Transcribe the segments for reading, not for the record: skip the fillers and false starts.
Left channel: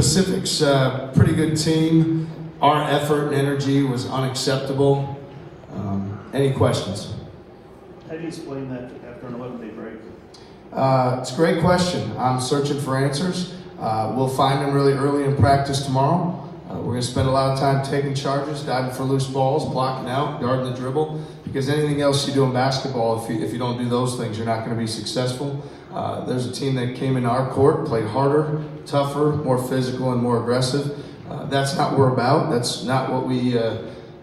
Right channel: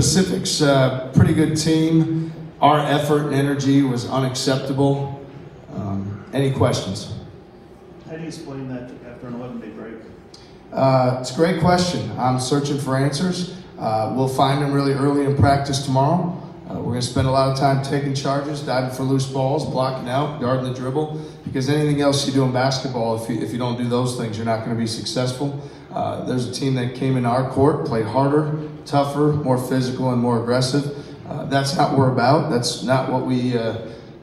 Pacific's a pretty good team. Our effort and energy was unacceptable. Any questions? How do you explain that after an 11-day break? It's a great question. I'm searching for answers. We'll find them really early in practice tomorrow. We're going to spend a lot of time taking charges, diving for loose balls, blocking out, guarding the dribble, because anything else you do in basketball, if you don't do those things, you're not going to be successful. There's a team that came into our court, played harder, tougher, more physical, and more aggressive. That's not what we're about. That's not what we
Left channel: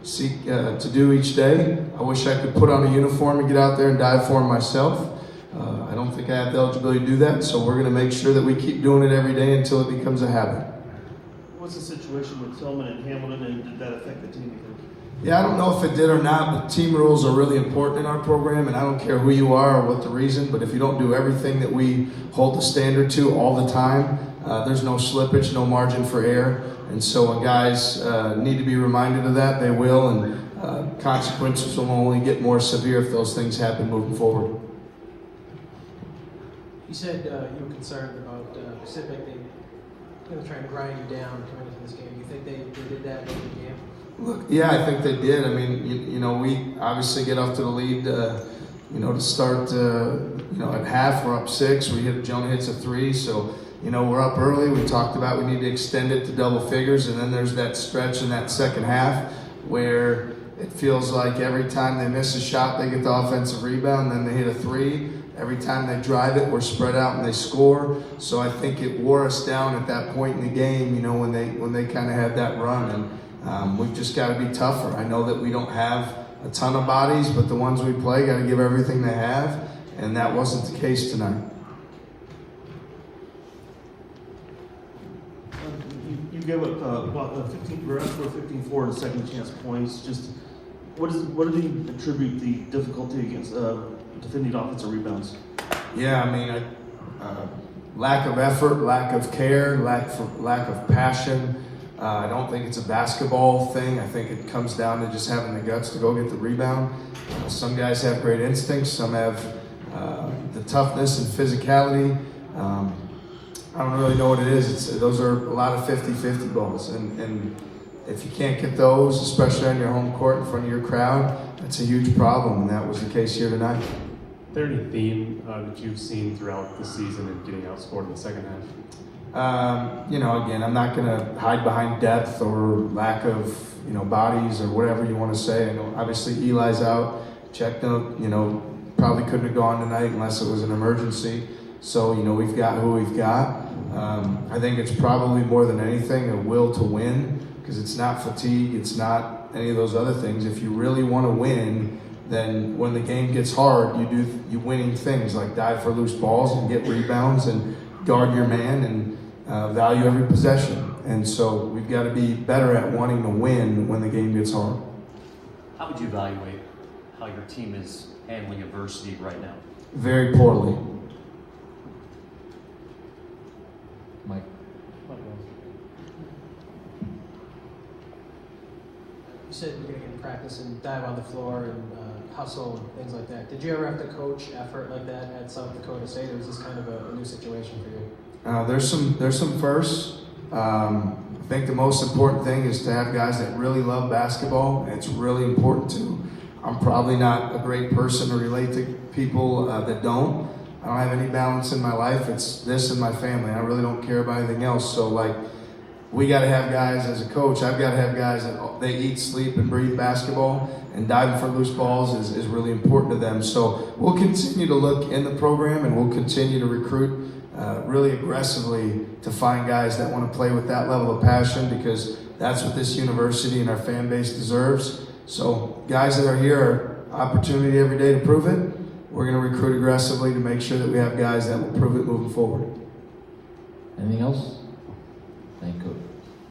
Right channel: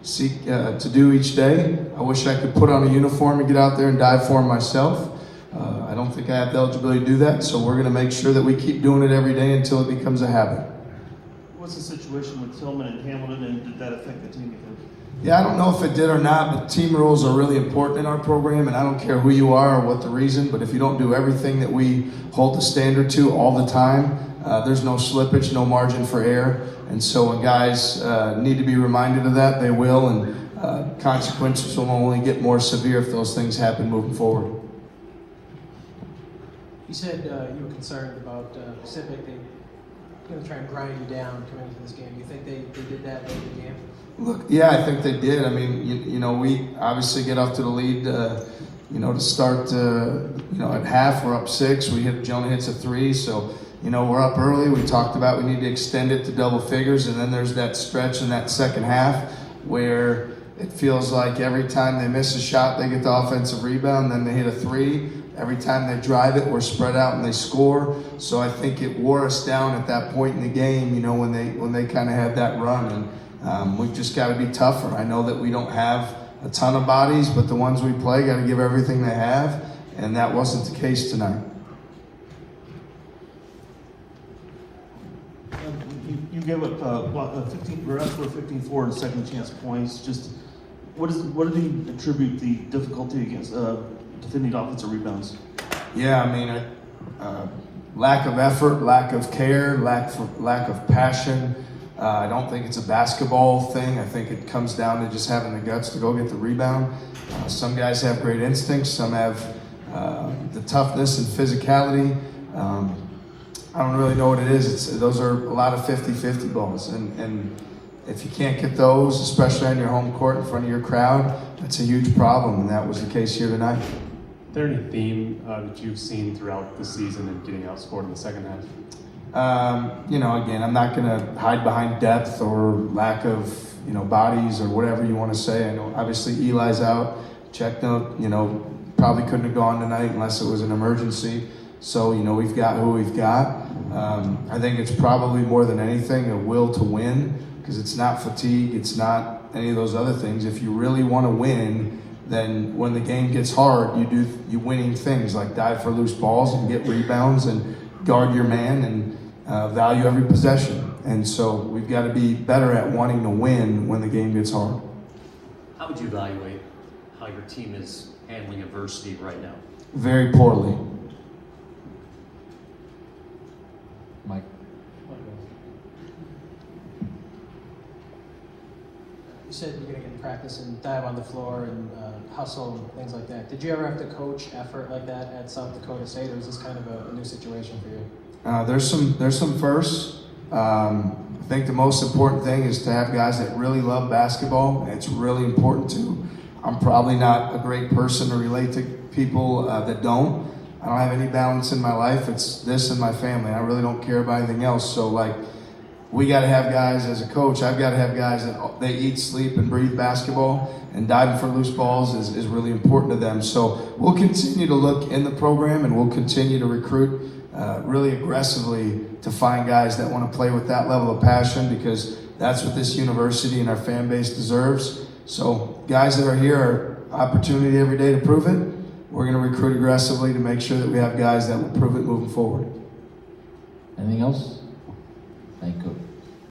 seek to do each day. I wish I could put on a uniform and get out there and dive for them myself. I don't think I have the eligibility to do that, so we're going to make sure that we keep doing it every day until it becomes a habit. What's the situation with Tillman and Hamilton, and did that affect the team? Yeah, I don't know if it did or not, but team rules are really important in our program, and I don't care who you are or what the reason, but if you don't do everything that we hold the standard to all the time, there's no slippage, no margin for error. And so when guys need to be reminded of that, they will, and consequences will only get more severe if those things happen moving forward. You said you were concerned about Pacific. They try and grind you down coming into this game. Do you think they did that in the game? Look, yeah, I think they did. I mean, you know, we obviously get up to the lead, to start, at half, we're up 6. Jonah hits a 3, so, we're up early. We talked about we need to extend it to double figures, and then there's that stretch in that second half where it feels like every time they miss a shot, they get the offensive rebound, then they hit a 3. Every time they drive it, we're spread out and they score. So I think it wore us down at that point in the game, when they kind of had that run. And we've just got to be tougher. I know that we don't have a ton of bodies, but the ones we play got to give everything they have, and that wasn't the case tonight. You gave up 15-4 and second chance points. Just what do you attribute the difficulty against defending offensive rebounds? Yeah, I mean, lack of effort, lack of care, lack of passion. I don't think it's a basketball thing. I think it comes down to just having the guts to go get the rebound. Some guys have great instincts. Some have the toughness and physicality. I don't really know what it is. Those are a lot of 50-50 balls. And if you can't get those, especially on your home court in front of your crowd, that's a huge problem. And that was the case here tonight. Is there any theme that you've seen throughout the season of getting outscored in the second half? Again, I'm not going to hide behind depth or lack of, bodies or whatever you want to say. I know obviously Eli's out. Checked out, probably couldn't have gone tonight unless it was an emergency. So, we've got who we've got. I think it's probably more than anything a will to win, because it's not fatigue, it's not any of those other things. If you really want to win, then when the game gets hard, you do winning things like dive for loose balls and get rebounds and guard your man and value every possession. And so we've got to be better at wanting to win when the game gets hard. How would you evaluate how your team is handling adversity right now? Very poorly. Mike. You said you're going to get in practice and dive on the floor and hustle and things like that. Did you ever have to coach effort like that at South Dakota State, or is this kind of a new situation for you? There's some firsts. I think the most important thing is to have guys that really love basketball. It's really important to. I'm probably not a great person to relate to people that don't. I don't have any balance in my life. It's this and my family. I really don't care about anything else. So we got to have guys as a coach. I've got to have guys that they eat, sleep, and breathe basketball, and diving for loose balls is really important to them. So we'll continue to look in the program, and we'll continue to recruit really aggressively to find guys that want to play with that level of passion, because that's what this university and our fan base deserves. So guys that are here are opportunity every day to prove it. We're going to recruit aggressively to make sure that we have guys that will prove it moving forward. Anything else? Thank you.